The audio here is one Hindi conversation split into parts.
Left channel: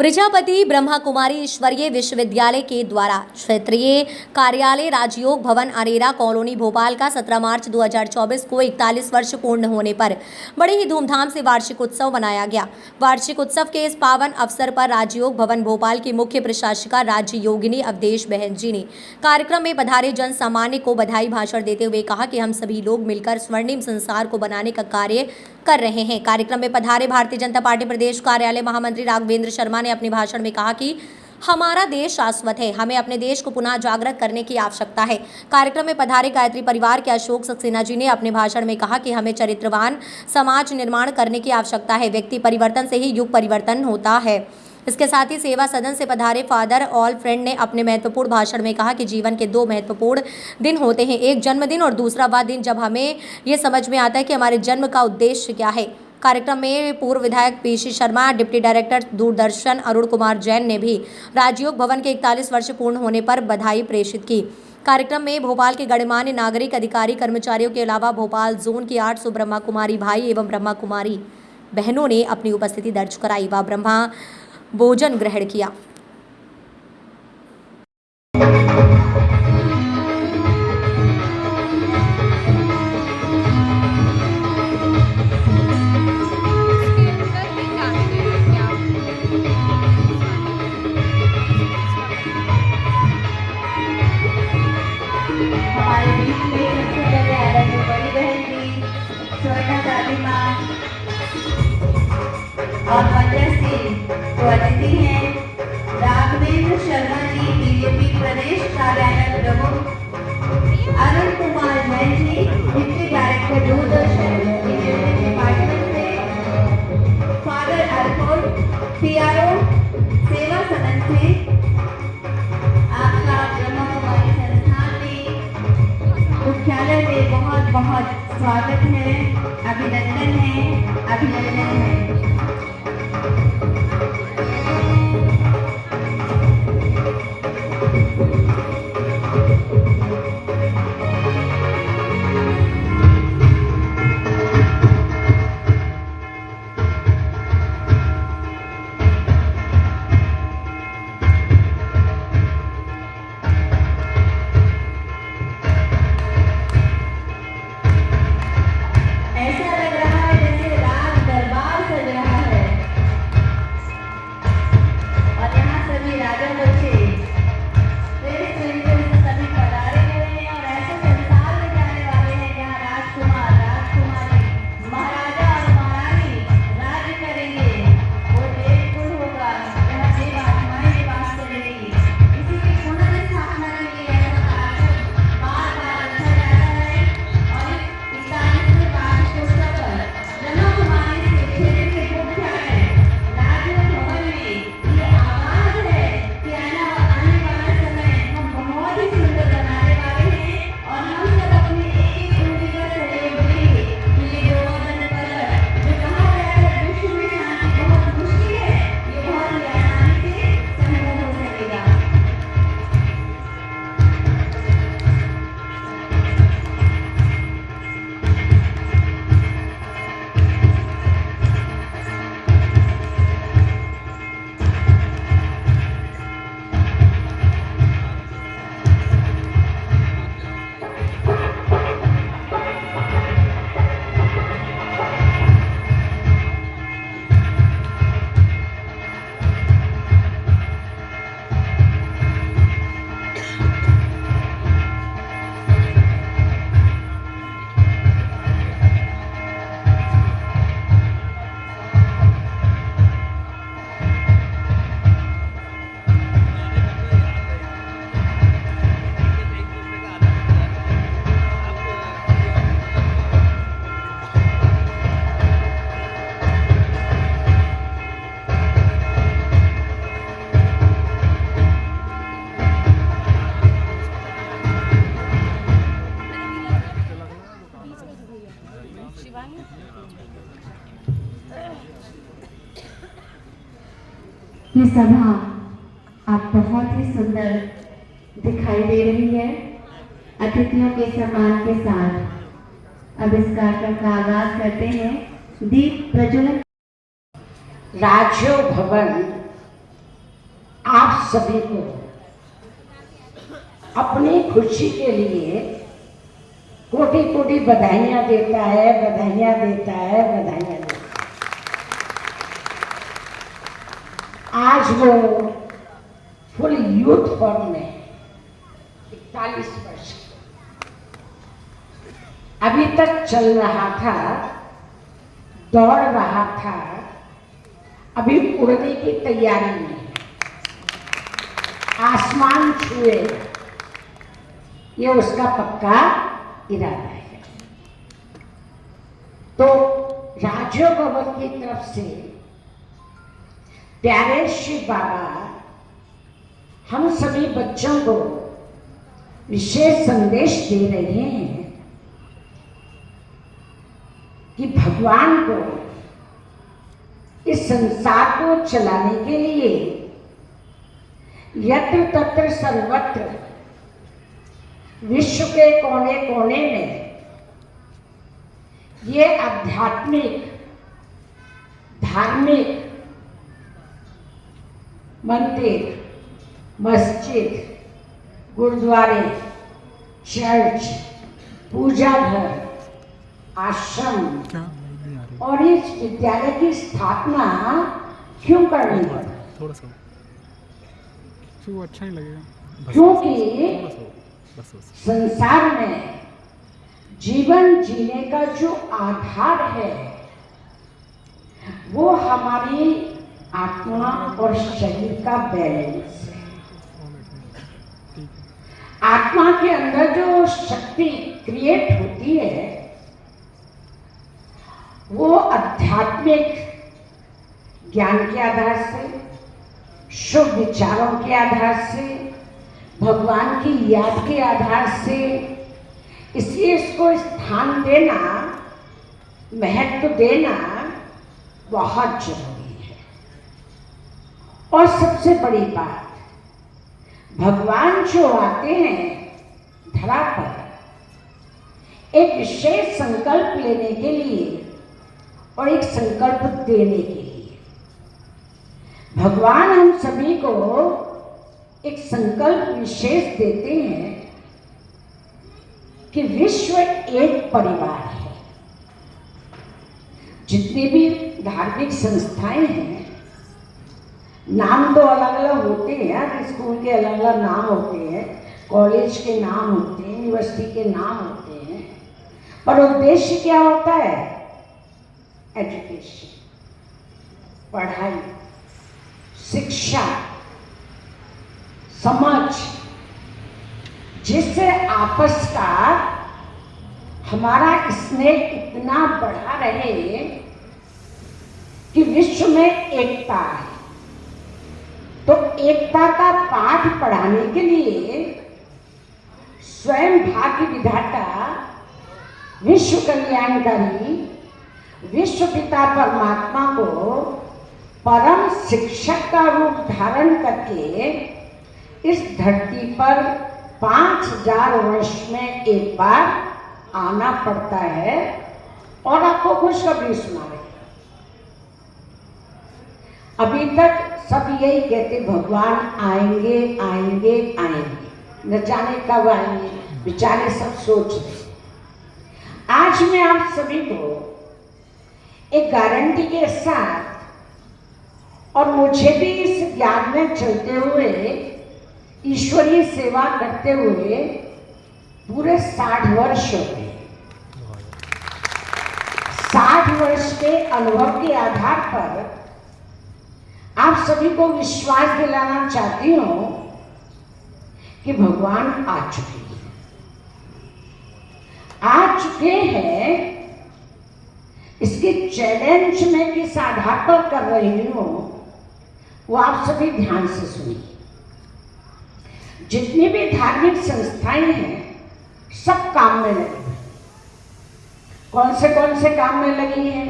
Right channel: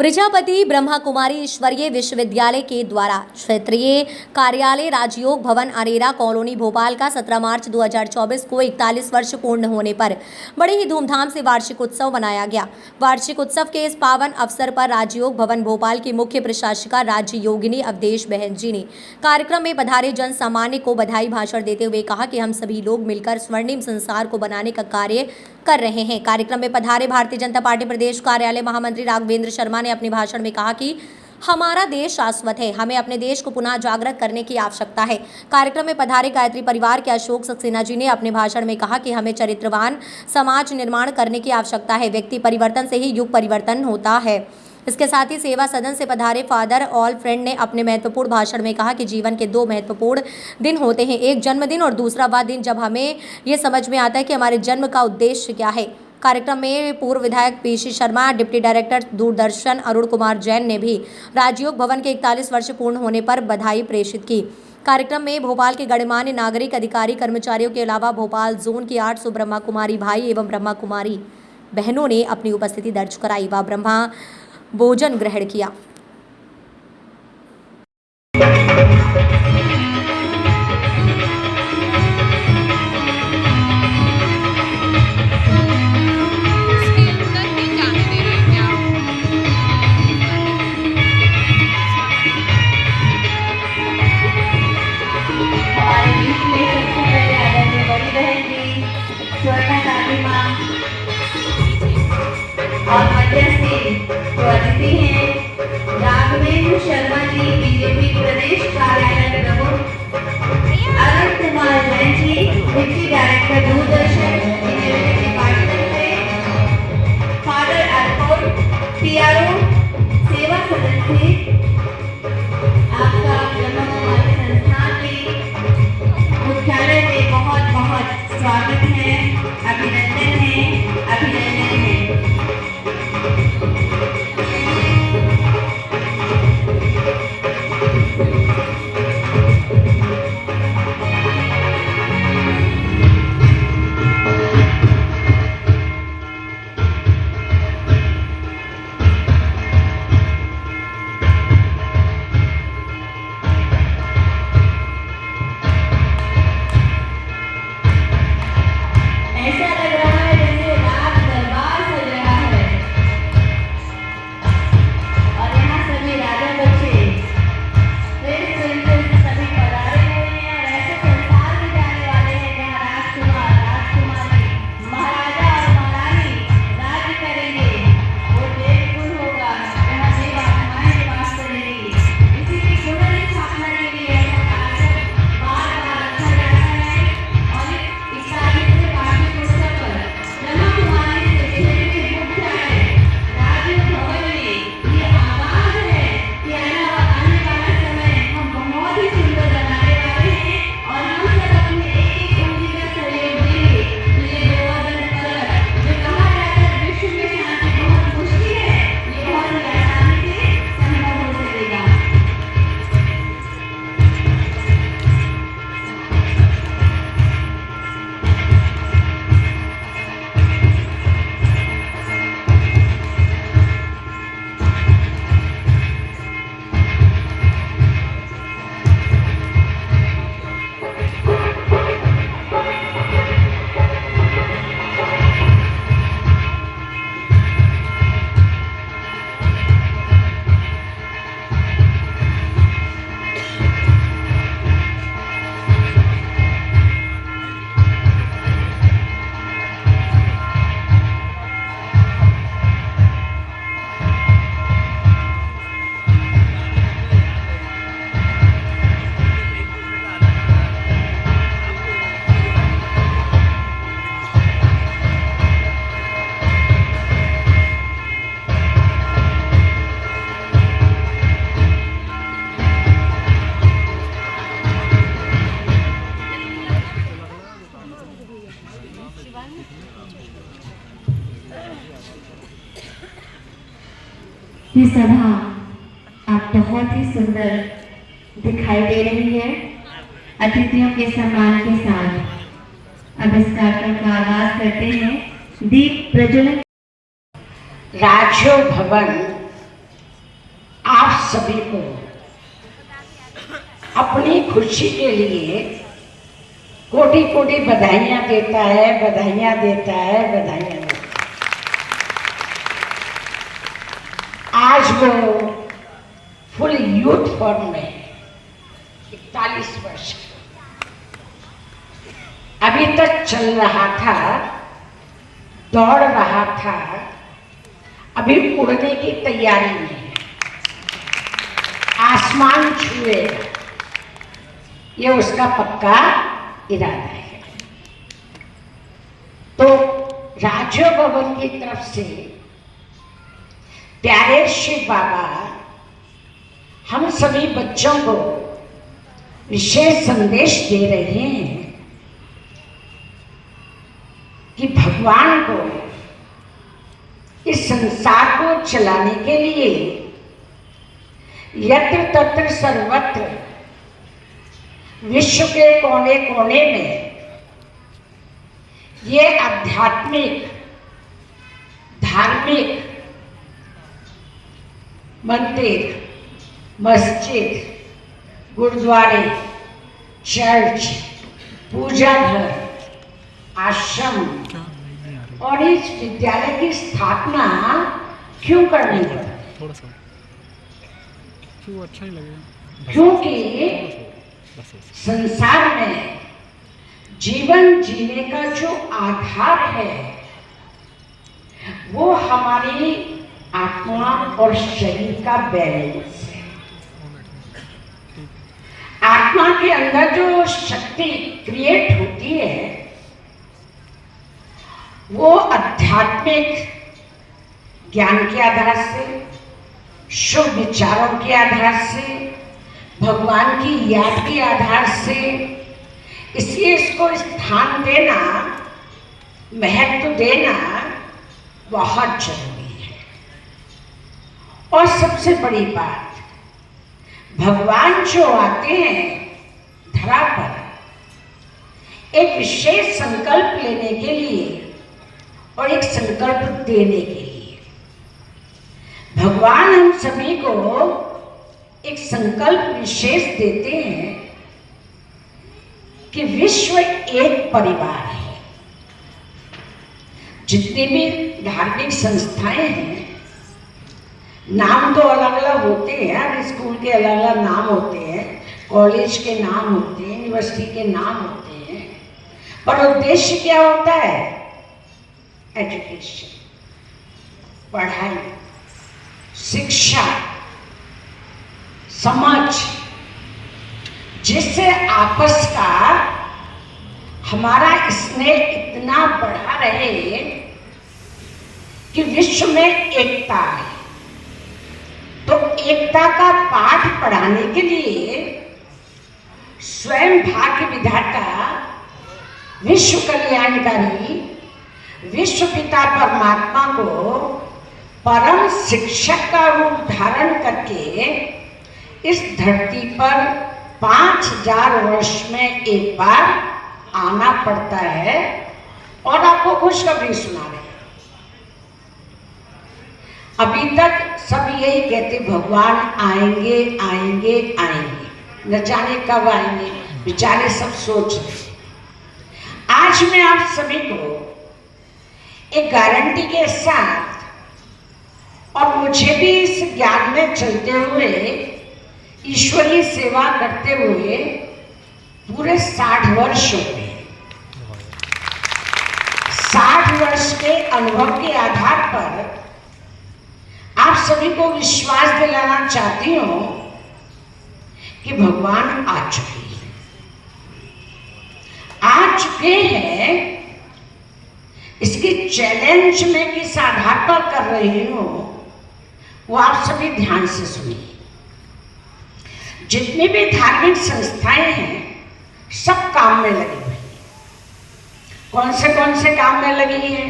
प्रजापति ब्रह्मा कुमारी ईश्वरीय विश्वविद्यालय के द्वारा क्षेत्रीय कार्यालय राजयोग भवन अरेरा कॉलोनी भोपाल का 17 मार्च 2024 को 41 वर्ष पूर्ण होने पर बड़े ही धूमधाम से वार्षिक उत्सव मनाया गया। वार्षिक उत्सव के इस पावन अवसर पर राजयोग भवन भोपाल की मुख्य प्रशासिका राज्य योगिनी अवधेश बहन जी ने कार्यक्रम में पधारे जन सामान्य को बधाई भाषण देते हुए कहा कि हम सभी लोग मिलकर स्वर्णिम संसार को बनाने का कार्य कर रहे हैं। कार्यक्रम में पधारे भारतीय जनता पार्टी प्रदेश कार्यालय महामंत्री राघवेंद्र शर्मा ने अपने भाषण में कहा कि हमारा देश शाश्वत है, हमें अपने देश को पुनः जागृत करने की आवश्यकता है। कार्यक्रम में पधारे गायत्री परिवार के अशोक सक्सेना जी ने अपने भाषण में कहा कि हमें चरित्रवान समाज निर्माण करने की आवश्यकता है। व्यक्ति परिवर्तन से ही युग परिवर्तन होता है। इसके साथ ही सेवा सदन से पधारे फादर ऑल फ्रेंड ने अपने महत्वपूर्ण भाषण में कहा कि जीवन के दो महत्वपूर्ण दिन होते हैं, एक जन्मदिन और दूसरा वह दिन जब हमें ये समझ में आता है कि हमारे जन्म का उद्देश्य क्या है। कार्यक्रम में पूर्व विधायक PC Sharma, deputy director Doordarshan Arun Kumar Jain ने भी राजयोग भवन के 41 वर्ष पूर्ण होने पर बधाई प्रेषित की। कार्यक्रम में भोपाल के गणमान्य नागरिक, अधिकारी, कर्मचारियों के अलावा भोपाल जोन की 800 ब्रह्मा कुमारी भाई एवं ब्रह्मा कुमारी बहनों ने अपनी उपस्थिति दर्ज कराई व ब्रह्मा भोजन ग्रहण किया। और मध्यस्थी जो अतिथि हैं राघवेंद्र शर्मा जी, बीजेपी प्रदेश कार्यालय प्रमुख, Arun Kumar Jain ji, deputy director Doordarshan department से, फादर अरफोल PRO सेवा सदन से आपका ब्रह्म संस्थान के मुख्यालय में बहुत बहुत स्वागत है, अभिनंदन है, अभिनंदन है। ये सभा आप बहुत ही सुंदर दिखाई दे रही है। अतिथियों के सम्मान के साथ अब इस कार्यक्रम का आगाज करते हैं। दीप प्रज्वलन। राजयोग भवन आप सभी को अपनी खुशी के लिए कोटि कोटि बधाइयाँ देता है, बधाइयाँ देता है, बधाइयाँ देता है। आज वो फुल यूथ फॉर्म में 41 वर्ष अभी तक चल रहा था, दौड़ रहा था, अभी उड़ने की तैयारी में है, आसमान छुए, ये उसका पक्का इरादा है। तो राजयोग भवन की तरफ से प्यारे शिव बाबा हम सभी बच्चों को विशेष संदेश दे रहे हैं कि भगवान को इस संसार को चलाने के लिए यत्र तत्र सर्वत्र विश्व के कोने कोने में ये आध्यात्मिक धार्मिक मंदिर, मस्जिद, गुरुद्वारे, चर्च, पूजा घर, आश्रम और इस विद्यालय की स्थापना क्यों करनी पड़ी? थोड़ा सा क्यों अच्छा ही लगेगा। क्योंकि संसार में जीवन जीने का जो आधार है वो हमारी आत्मा और शरीर का बैलेंस है। आत्मा के अंदर जो शक्ति क्रिएट होती है वो आध्यात्मिक ज्ञान के आधार से, शुभ विचारों के आधार से, भगवान की याद के आधार से, इसलिए इसको स्थान देना, महत्व देना बहुत जरूरी है। और सबसे बड़ी बात, भगवान जो आते हैं धरा पर एक विशेष संकल्प लेने के लिए और एक संकल्प देने के लिए, भगवान हम सभी को एक संकल्प विशेष देते हैं कि विश्व एक परिवार है। जितनी भी धार्मिक संस्थाएं हैं, नाम तो अलग अलग होते हैं, हर स्कूल के अलग अलग नाम होते हैं, कॉलेज के नाम होते हैं, यूनिवर्सिटी के नाम होते हैं, पर उद्देश्य क्या होता है? एजुकेशन, पढ़ाई, शिक्षा, समझ, जिससे आपस का हमारा स्नेह इतना बढ़ा रहे कि विश्व में एकता है। तो एकता का पाठ पढ़ाने के लिए स्वयं भाग्य विधाता, विश्व कल्याणकारी, विश्व पिता परमात्मा को परम शिक्षक का रूप धारण करके इस धरती पर 5000 वर्ष में एक बार आना पड़ता है। और आपको खुशखबरी सुना रहे हैं, अभी तक सब यही कहते भगवान आएंगे आएंगे आएंगे, न जाने कब आएंगे, बेचारे सब सोच रहे। आज मैं आप सभी को एक गारंटी के साथ, और मुझे भी इस ज्ञान में चलते हुए, ईश्वरीय सेवा करते हुए पूरे 60 वर्ष हो गए। 60 वर्ष के अनुभव के आधार पर आप सभी को विश्वास दिलाना चाहती हूं कि भगवान आ चुके हैं, आ चुके हैं। इसके चैलेंज में किस आधार पर कर रही हूं वो आप सभी ध्यान से सुनिए। जितनी भी धार्मिक संस्थाएं हैं सब काम में लगी हुई। कौन से काम में लगी है?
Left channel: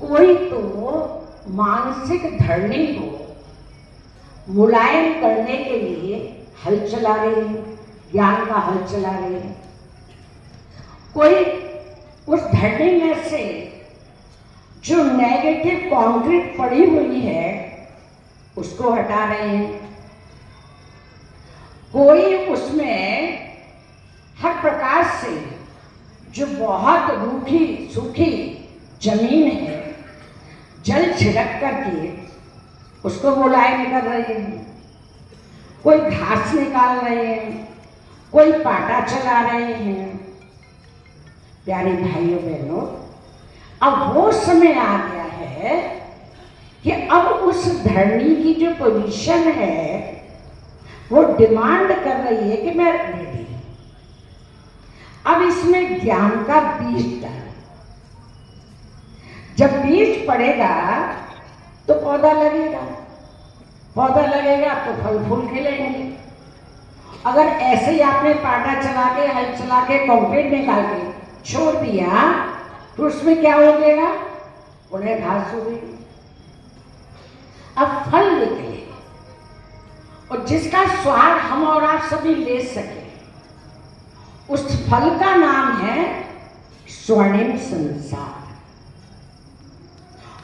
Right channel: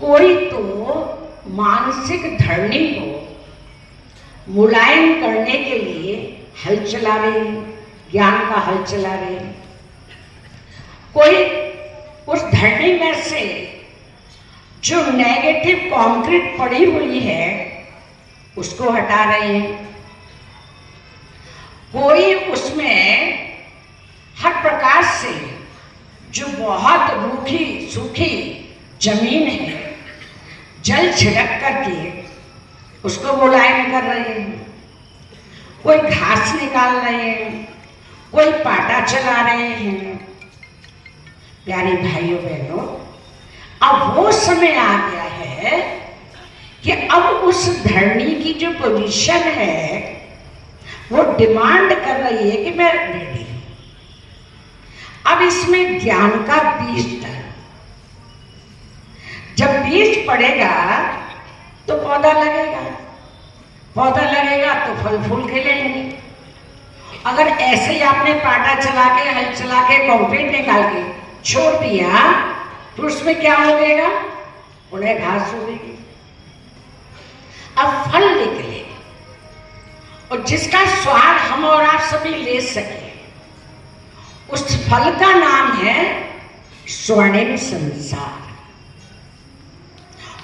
कोई तो मानसिक धरनी को मुलायम करने के लिए हल चला रहे हैं, ज्ञान का हल चला रहे हैं। कोई उस धरनी में से जो नेगेटिव कंक्रीट पड़ी हुई है उसको हटा रहे हैं। कोई उसमें हर प्रकार से जो बहुत रूखी सूखी जमीन है, जल छिड़क करके उसको मुलायम कर रहे हैं। कोई घास निकाल रहे हैं, कोई पाटा चला रहे हैं। प्यारे भाइयों बहनों, अब वो समय आ गया है कि अब उस धरनी की जो पोजीशन है वो डिमांड कर रही है कि मैं रेडी हूं। अब इसमें ज्ञान का बीज डाल। जब बीज पड़ेगा तो पौधा लगेगा, पौधा लगेगा तो फल फूल खिलेंगे। अगर ऐसे ही आपने पाटा चला के, हल चला के, कंक्रीट निकाल के छोड़ दिया तो उसमें क्या हो जाएगा? उन्हें घास उगेगी। अब फल निकले और जिसका स्वाद हम और आप सभी ले सके, उस फल का नाम है स्वर्णिम संसार।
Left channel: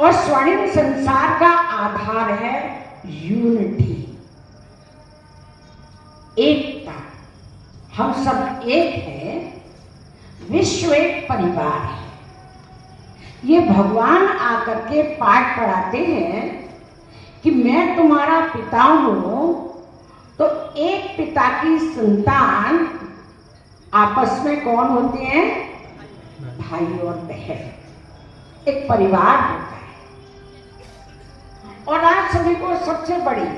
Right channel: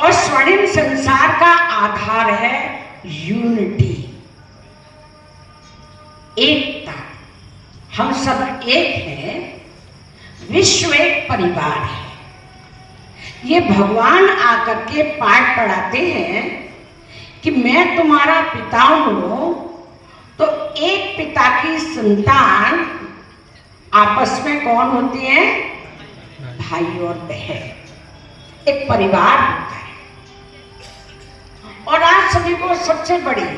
और स्वर्णिम संसार का आधार है यूनिटी, एकता। हम सब एक हैं, विश्व एक परिवार है। ये भगवान आकर के पाठ पढ़ाते हैं कि मैं तुम्हारा पिता हूं, तो एक पिता की संतान आपस में कौन होती है? भाई और बहन, एक परिवार होता है। और आज सभी को सबसे बड़ी